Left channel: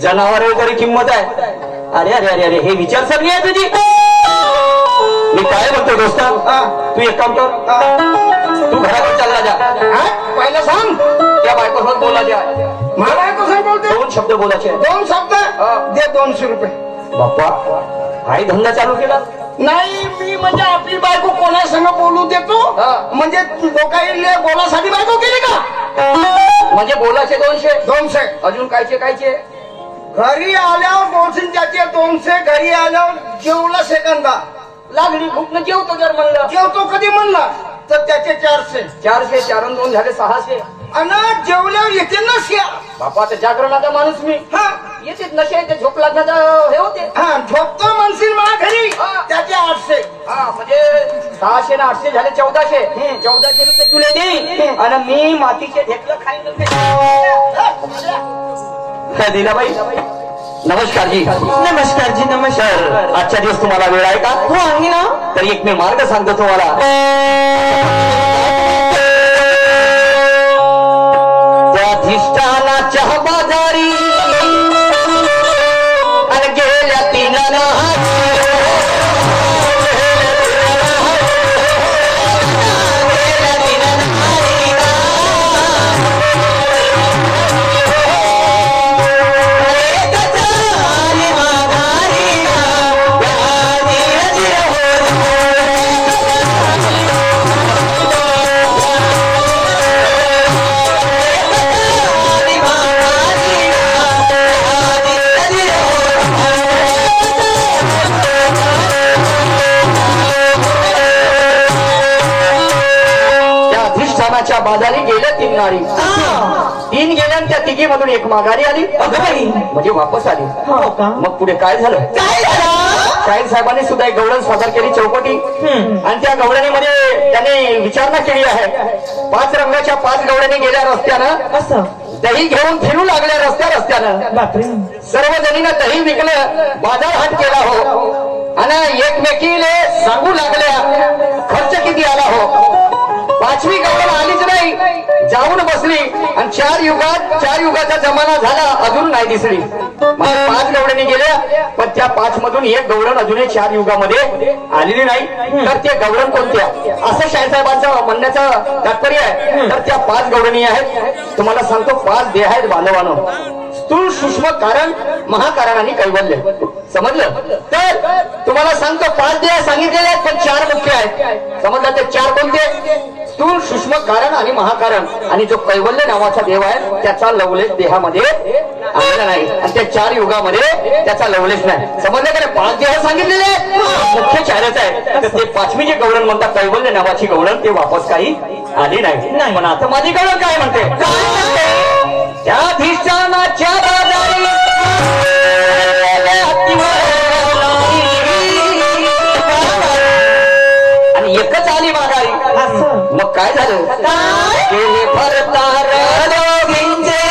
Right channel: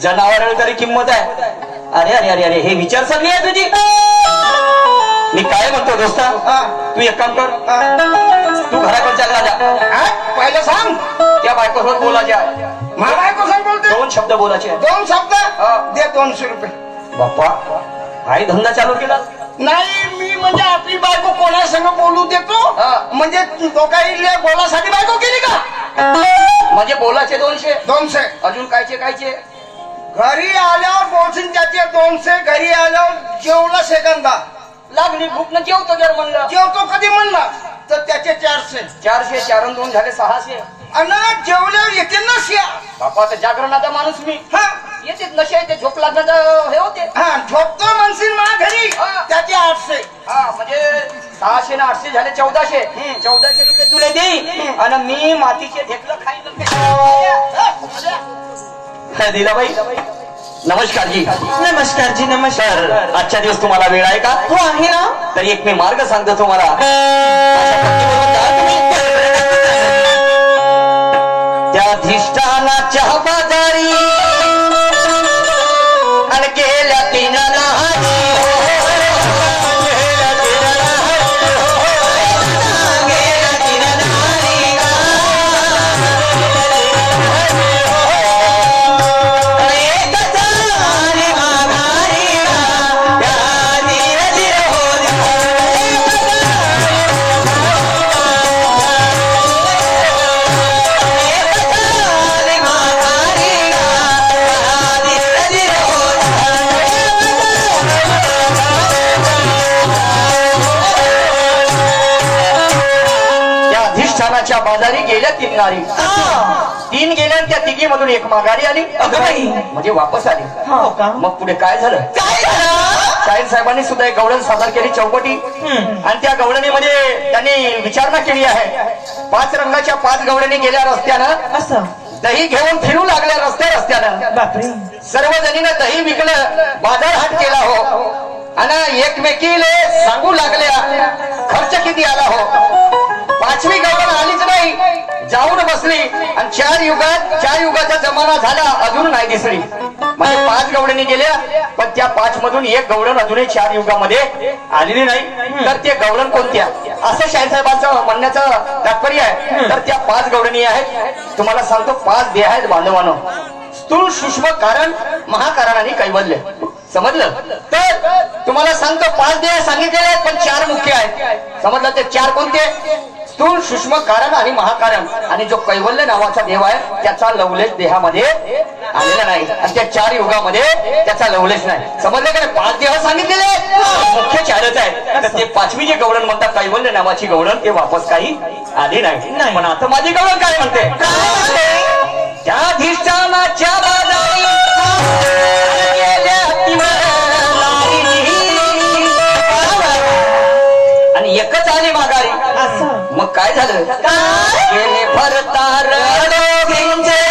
जनावर तरी किंमत आहे. अरे अरे अरे अरे हे विचारसरणी आहे तुझी. मी काय म्हणतो दोस्ता, तू एक काम कर, तू घराकडे चालला जा. पहिलं सांग त्या बायकोसोबत बोलायचे आहे. मला बायकोसोबत बोलते. 2 शब्द बोलायचे आहेत. 2 शब्द दे. 200 रुपये. बाप्पा काय धंदा चालू केला? नाही मी म्हणजे आपली बायको कोणा संग बोलू देतो. म्हणजे लोकांना बोलासाठी बायको केली का? म्हणजे बोलायचे 200. 200 अजून कायचे कायचे? घरी आल्यावर बोलशील त्याचे 200. घरी आल्यावर जेवला सेकंदा लागली भूक न जेवतो जर म्हणलं. जेवतो कधी म्हणला तर त्याचे 400. 400 4 आणि 2 झाले 600. आणि जेवल्यावर येतील ना शिया. बापा तर जागरणाचा माणूस मी. येते नशे ते झोप लागण्याचं हे होते. झोपतो म्हणशील माझ्या घरी त्याचे 800. म्हणजे 600 ना 800 झाले 1400. 1400 रुपये तुला दे आणि मी मातीचे ढेकलं खाईन. दिलाबाई नमस्कार जी. नमस्कार जी. नमस्कार. आजच्या दिवस तुम्हाला वेळ आहे का? हो आहे ना. तर एक मी मार्ग सांगतो तुम्हाला. त्या अधिष्ठानाच्या बाजारी आणि गेल्या 3 बाजारी गेल्या 3 नारी. 3 गेल्या त्या तिघी मधून 1 माघारी आली. म्हणजे वापस आली. मग पुढे काय झालं? साहेब साहेबांनी सुद्धा एक गवळण सादर केली चौकटी. आणि त्या गवळणीमध्ये त्यांनी विचारणा केली आहे. 5 रंगाच्या 5 गवळणी गेल्या रस्त्यानं. दही घेऊन फिरू लागल्या रस्त्यानं. सर्व जणीनं दही विकलं, बाजार हाट केला हो. आणि एकमेकीला सांगू लागल्या खर्च किती आला हो. 5वी गवळण आलीच नाही, जाऊन बसली. आणि 4 युगाचा जमाना झाला, अजून नाही दिसली. म्हणजे 5 गवळणी गेल्या, पण त्या 5 मधून 1 गवळण अजूनही 4 युगामध्ये आलेली नाही. तर ते गवळण कोणत्या असं शाहीसाहेबांचं म्हणण्याचं तात्पर्य आहे. तर त्या 5 गवळणी आहेत. तुम्हाला सांगतो 5 देह आहेत बांधवानो. स्थूल सूक्ष्म कारण महाकारण आणि कैवल्य. समजलं? तर तुम्हाला सांगतो 5 देह सांगितलेले आहेत, पण 4 मुख्य आहेत. समजलं? ते 4 कोणते? स्थूल सूक्ष्म कारण आणि महाकारण. आणि जो कैवल्य नावाचा देव आहे त्याचा लवलेश देहामध्ये आलेला नाही. आणि त्या 4 युगामध्ये त्याचा लवलेश नाही. समजलं का? 5 देह सांगितलेले आहेत, मुख्य 4च आहेत. तर ते 5वी जे गवळण म्हणतात कैवल्य नावाची गवळण, ते वापस काही आली नाही. पण आता माझी गवळण काय म्हणते? त्या अधिष्ठानाच्या बाजारी आणि एकच आली माघारी. मग काय झालं? गेले भरतार दोघींचे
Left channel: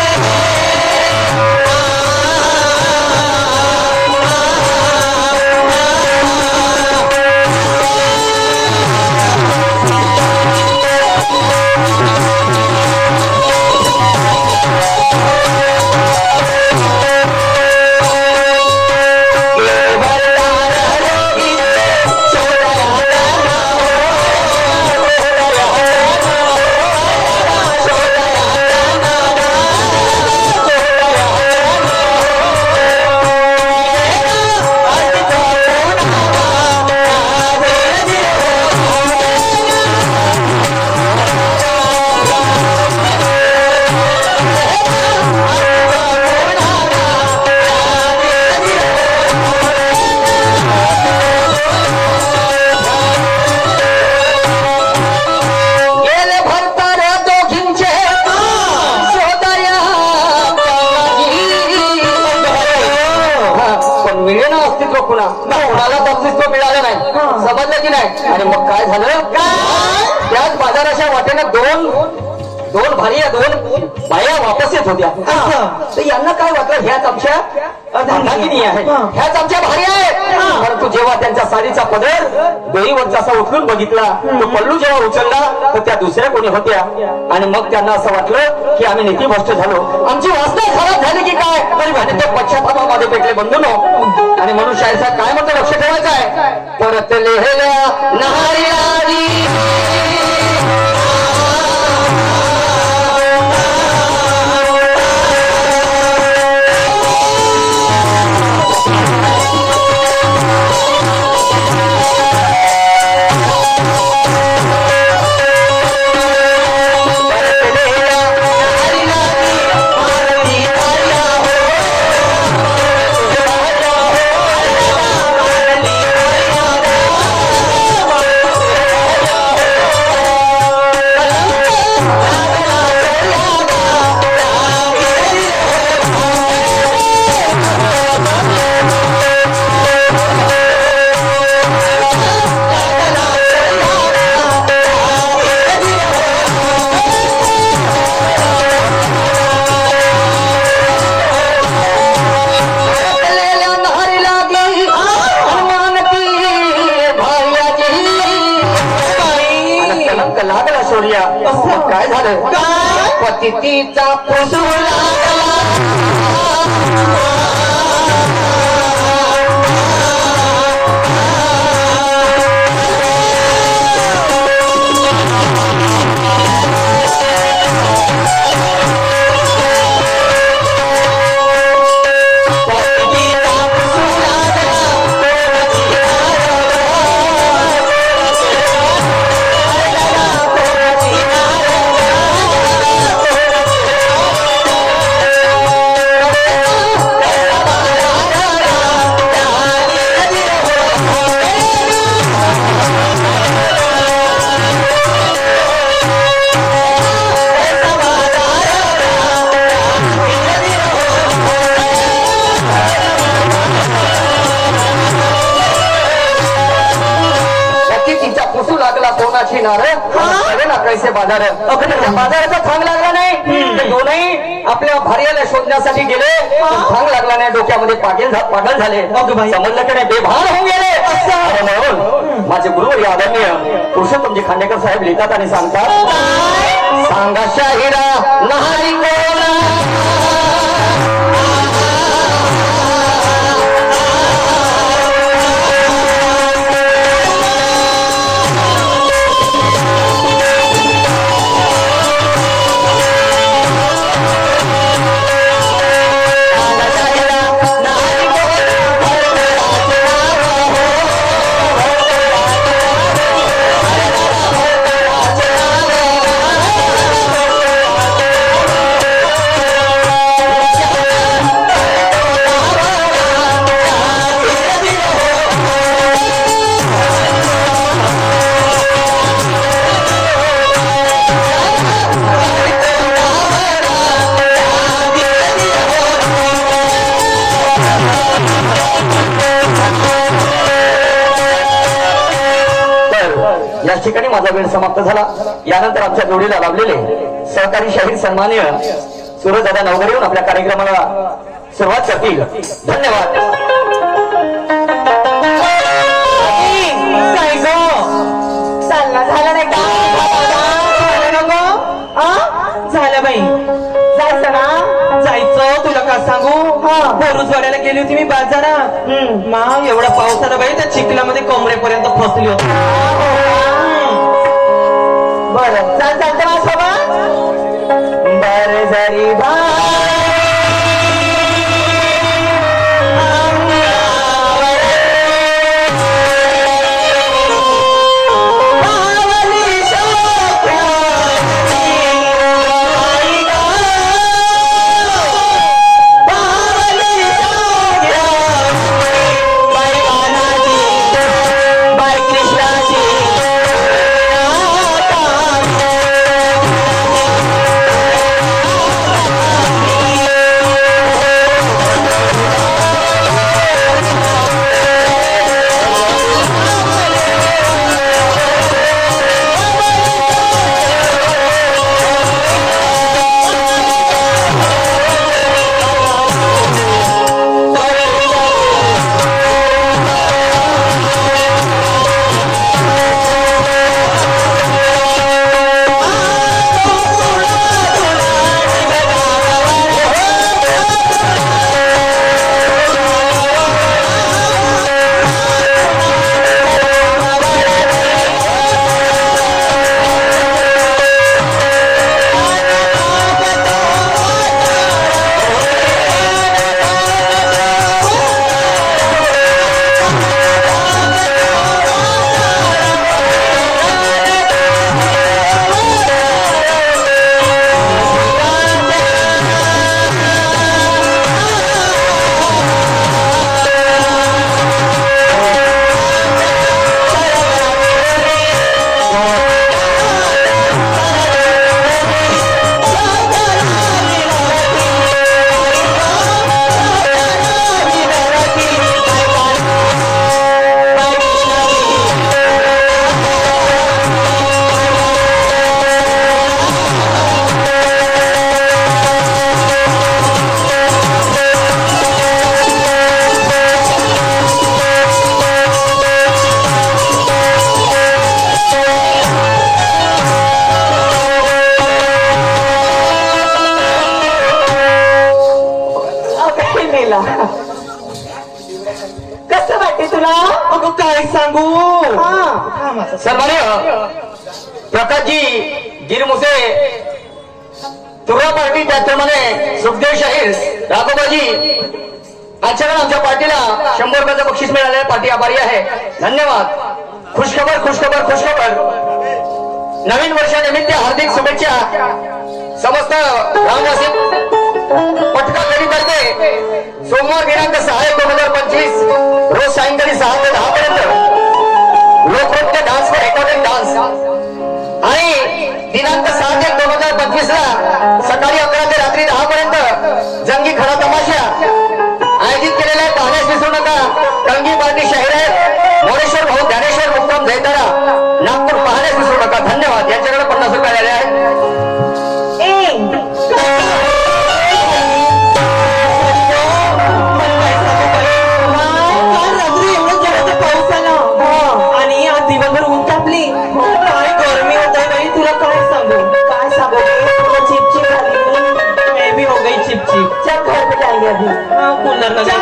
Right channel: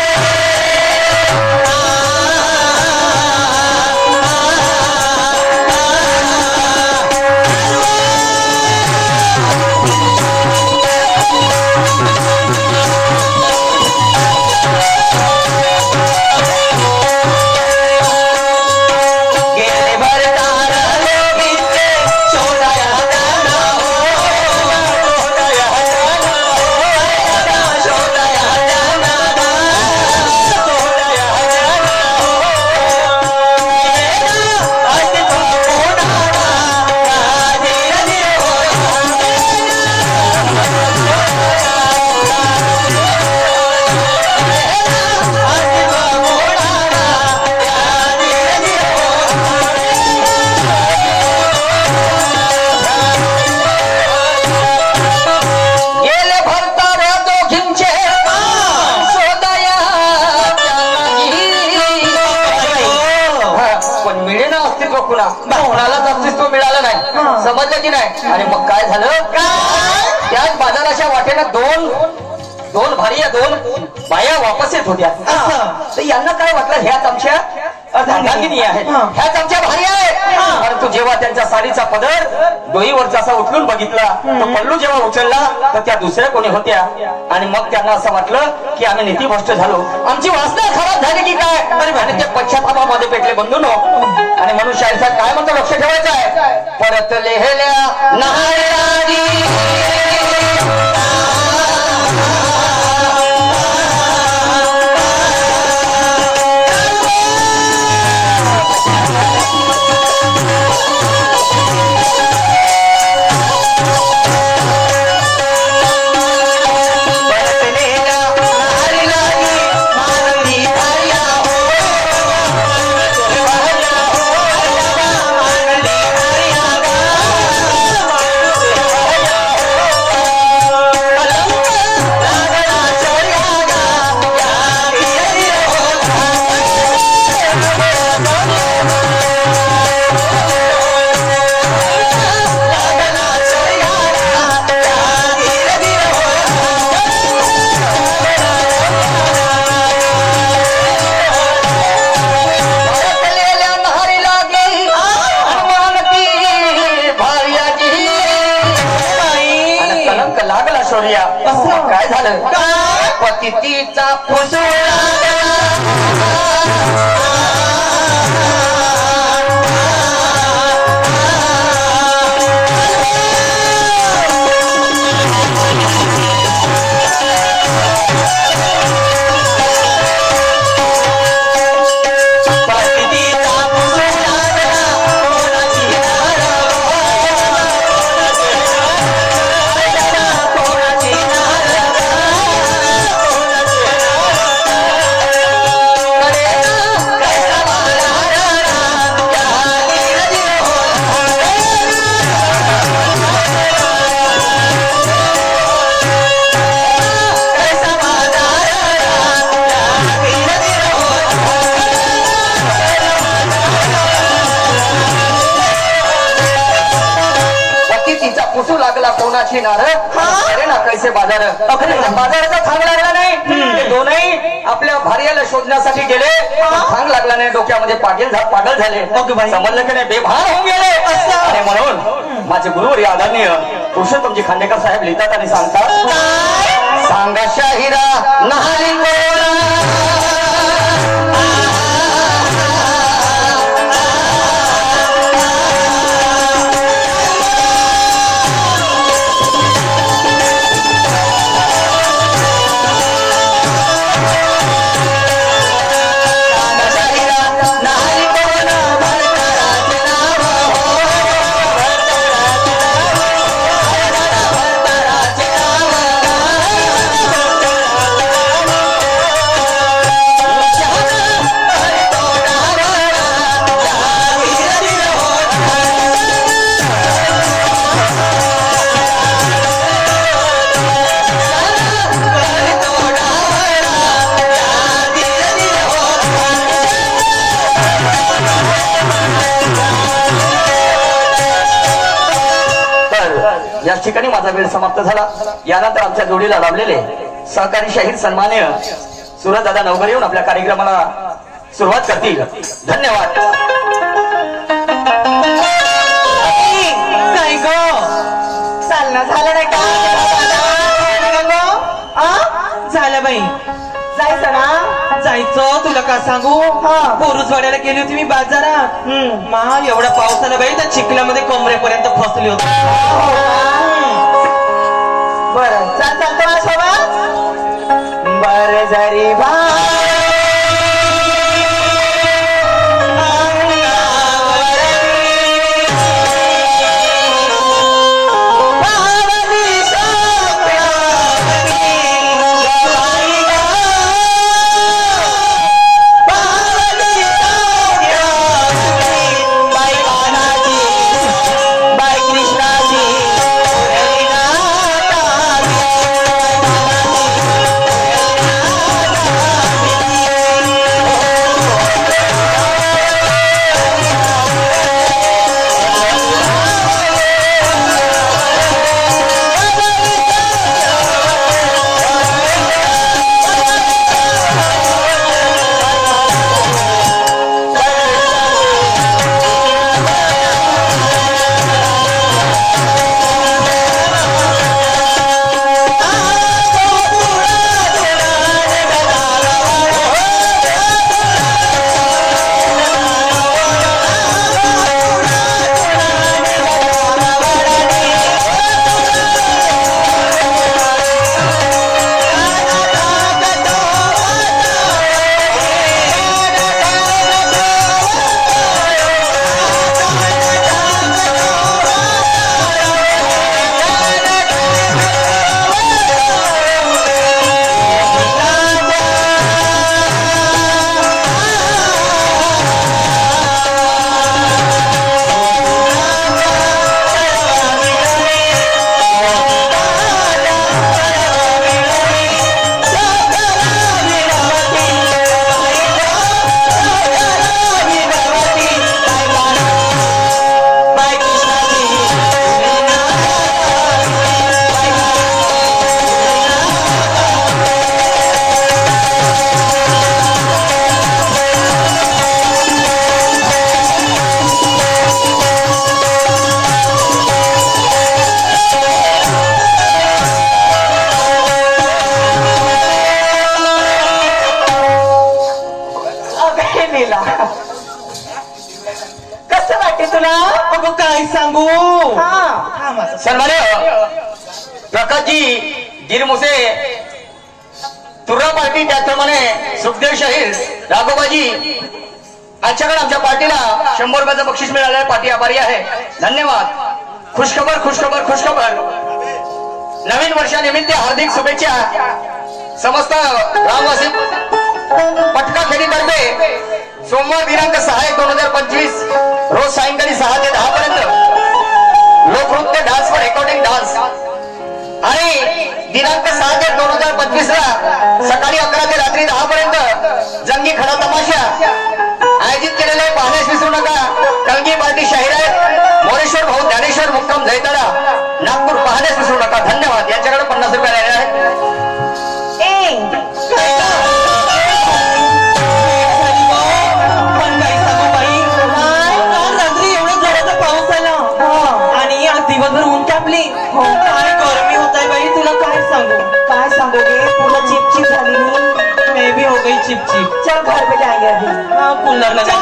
कोणालाच अस्तित्व मिळालं नाही. समजलं की नाही? आणि मग काय झालं? त्याच बाजाराच्या वाटेने 2 दोन भार्या दोन बाया वापस येत होत्या. तर यांना काय वाटलं, ह्याच आमच्या अर्धांगिनी आहेत, ह्याच आमच्या भार्या आहेत. परंतु जेव्हा त्यांच्या साडीचा पदर डोईवरचा असा उचलून बघितला, तो पल्लू जेव्हा उचलला तर त्या दुसऱ्या कोणी होत्या. आणि मग त्यांना असं वाटलं की आम्ही नीतिभ्रष्ट झालो, आमची वासना खराब झाली की काय. तरी म्हणजे ते पश्चातापामध्ये पेटले बंधूनो. आणि म्हणून शाहीर साहेब काय म्हणतो, लक्ष ठेवायचं आहे. परत लेहल्या नारी लागला शौर्या. काय झालं, पतितीचा लागला कोणाची नार ना कैसे बाजार. बाजाराचा थांग लागला नाही. ते दोनही आपल्या भार्याला शोधण्यासाठी गेले, थांग लागला नाही. डोक्यामध्ये पागल झाले, समजलं की नाही, बेभान होऊन गेले. आणि म्हणून माझे गुरुवर आदरणीय पुरुषोत्तमजी खांडेकर साहेब लिहितात आणि सांगतात, सांगा शाहिरा नहारी या ठिकाणी माझा वेळ समाप्त झाला. यानंतर आमच्या जोडीला लाभलेले सहकारी शाहीर सन्मान्य सूरजदादा नवघरे येऊन आपल्या कार्यक्रमाला सुरुवात करतील. धन्यवाद. काय गो चालना झालं नाही का, झालं बाई, जायचं ना, जायचं. तुला का सांगू, बोरुजवाड्याला गेली होती मी बाजारात. मा एवढा पाऊस आला बाई, त्या चिखलामध्ये कमरेपर्यंत फसली होती. बरं चालतं माझ्यासोबत. बरं जरी बा काही लीला कसं वाटते तुला अगं काय सांगू सन्मान्य प्रकाशजी गिरमुसे तुर्रा पार्टी त्याचप्रमाणे सुखदेव शाहीर राघोबाजी यांच्याकडे आमच्या पार्टीला 100 रुपयाचं बक्षीस मिळाले. पार्टी आभारी आहे. धन्यवाद. खुशखबर खुशखबर खुशखबर. नवीन वर्षानिमित्त हार्दिक शुभेच्छा. समस्त ग्रामवासी पटका तर्फे सोमवार दिनांक 6/1/2025 रोज सायंकाळी 6 ते 10 पर्यंत लोकनृत्य डान्स व रेकॉर्डिंग डान्स आणि दिनांक 7/1/2025 ला सकाळी 11 ते रात्री 10 पर्यंत जंगी खडा तमाशा आयोजित केलेला आहे. पाहण्यास विसरू नका. कलगी पार्टी शाहीर आहे. मोरेश्वर भाऊ ज्ञानेश्वर मुक्काम जैतारा नागपूर. पाहण्यास विसरू नका. धन्यवाद. यांच्याकडे 50 रुपये आलेले आहेत. पाऊस आला आणि आज दिवसभर ऊन तापली. काय गरमी होत आहे बाई. तुला काय सांगू तुला चिपचिप झाली मैं भी हो गई चिपचिप. चल घर पे जाएंगे अभी कूलर लगा